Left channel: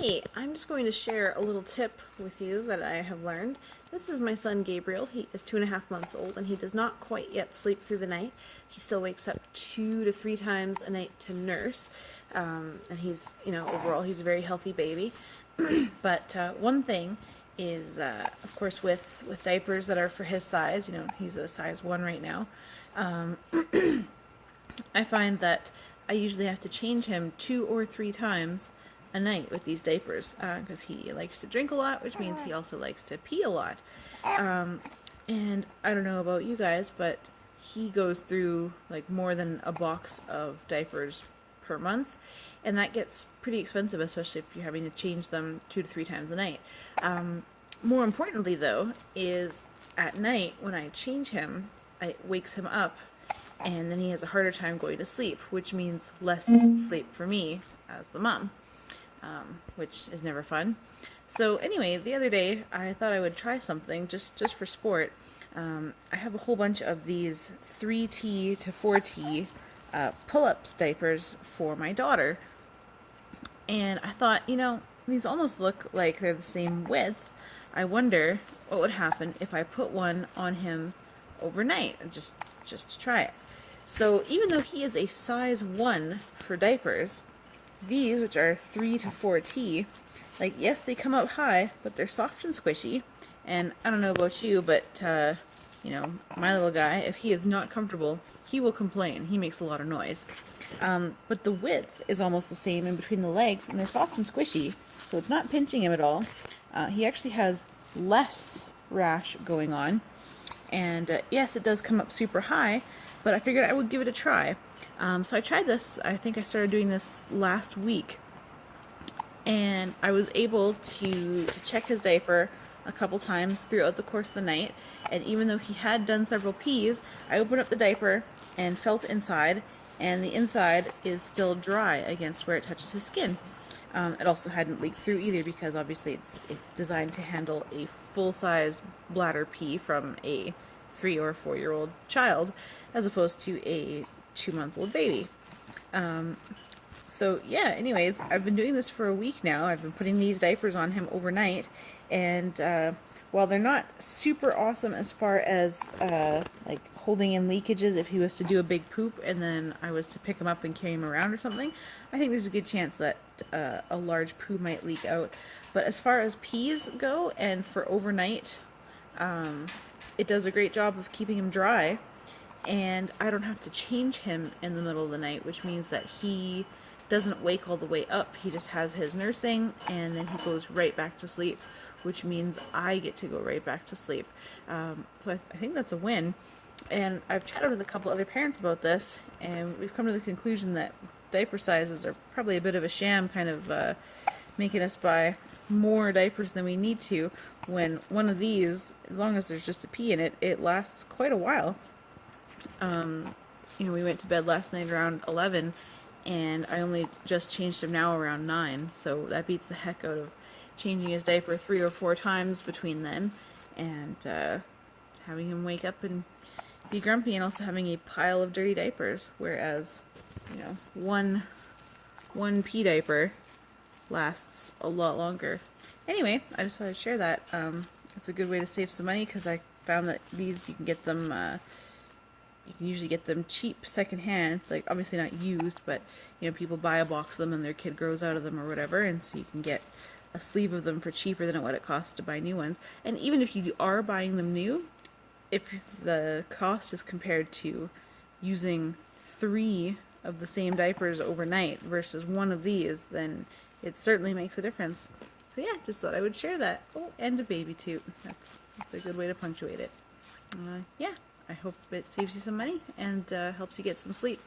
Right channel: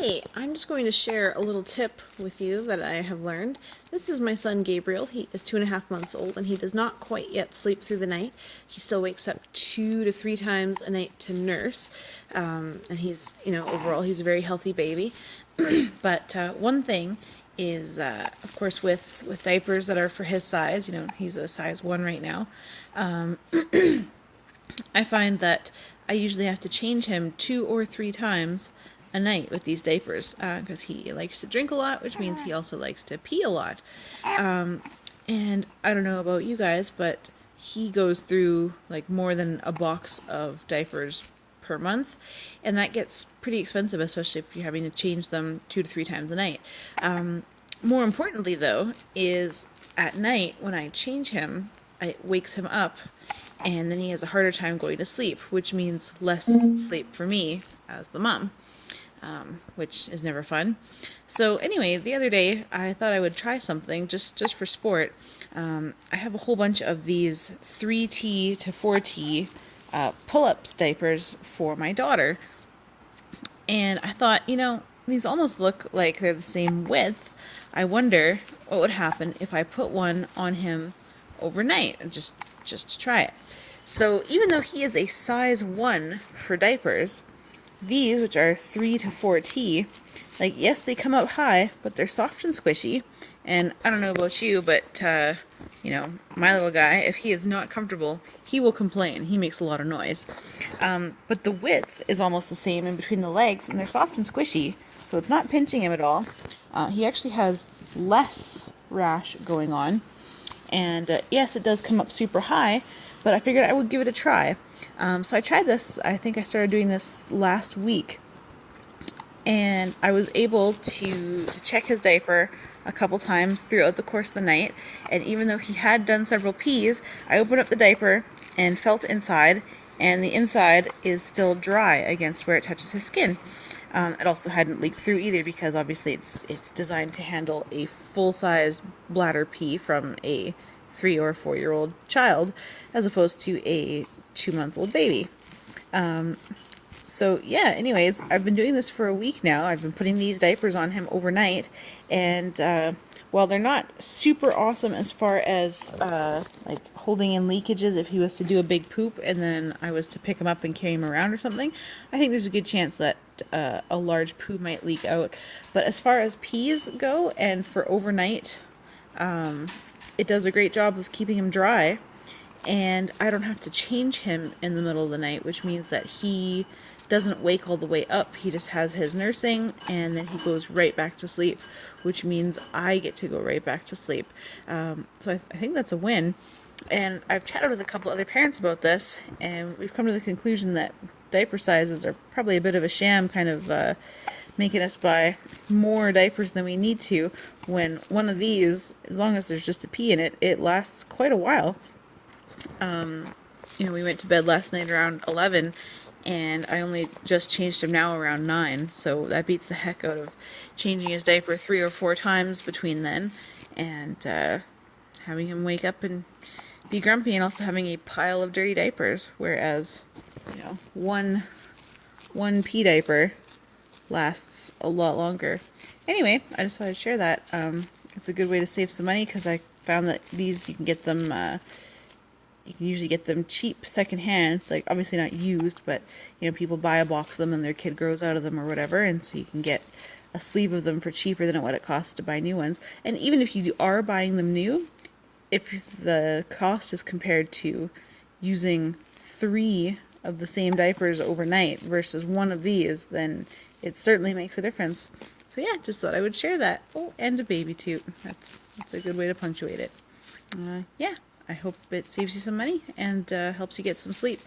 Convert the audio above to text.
Hey, I'm just going to share a little tip with you that I have learned. This is my son Gabriel. He is 2.5 months old and he does not quite yet sleep through the night. He still wakes up 2 to 3 times a night to nurse. And he's, overall, he's a very healthy baby. But one thing is, of course, with diapers that are for his size, he's a size 1 right now. Um, I find that I usually have to change him 2 or 3 times a night with these diapers because he likes to drink a lot, which means he also likes to pee a lot. And I don't know about you guys, but he goes through like more than a box of diapers per month, and that gets pretty expensive, especially if you're having to change them 2 to 3 times a night. More importantly, though, is at night when I change him, it wakes him up and then he has a harder time going to sleep, which means less sleep for me as the mom, which is never fun. So anyway, the other day I thought I would try something just for sport. I have a whole bunch of these 3T to 4T pull-ups diapers for my daughter, and I thought, these almost look like they're the same width. I wonder what would happen if I put one on him overnight, just to try it. So even though he is a size 1 for diapers, these, which are 3 to 4T, like, yes, they come up high, but they're soft and squishy. And I don't know about you, but, my little guy, if he is not comfortable, he will complain. He makes a lot of noise. But the width is almost the same in between the legs, and they're soft and squishy, so it's not pinching him at all. He actually has less rash going on. And yes, it does come up super high, but I figured I would give it a try. So I tried this. I think I started doing this last week, and I was able to check his diaper a couple times throughout the course of the night. And even though he had done several pees, I opened up the diaper and felt inside, and the inside is still dry against where it touches his skin. It also hadn't leaked through either, because obviously it's designed to handle a full-sized bladder pee from a 3 or 4-year-old child, as opposed to a 2-month-old baby. So yeah, anyways, I've been doing this for a week now. I've been putting these diapers on him overnight, and while they're not super awesome as far as like holding in leakages if he was to do a big poop and then I was to pick him up and carry him around or something, I think there's a good chance that a large poo might leak out. But as far as pees go, and for overnight, it does a great job of keeping him dry, and I don't have to change him in the middle of the night, which means that he doesn't wake all the way up. He just has his nursing, and then he goes right back to sleep, which means I get to go right back to sleep. So I think that's a win. And I've chatted with a couple other parents about this, and we've come to the conclusion that diaper sizes are probably a bit of a sham, kind of making us buy more diapers than we need to, when one of these, as long as there's just a pee in it, it lasts quite a while. We went to bed last night around 11, and I only just changed him now around 9, so that beats the heck out of changing his diaper 3 or 4 times between then, and having him wake up and be grumpy, and also having a pile of dirty diapers, whereas, one pee diaper lasts a lot longer. Anyway, I just thought I'd share that. It's a good way to save some money, because I found that these, you can get them, you can usually get them cheap secondhand, like obviously not used, but people buy a box of them and their kid grows out of them or whatever, and so you can get a sleeve of them for cheaper than what it costs to buy new ones. And even if you are buying them new, if the cost is compared to using 3 of the same diapers overnight versus 1 of these, then it certainly makes a difference. So yeah, just thought I would share that. Oh, and a baby toot. That's a good way to punctuate it. Yeah, I hope it saves you some money and helps you get some sleep.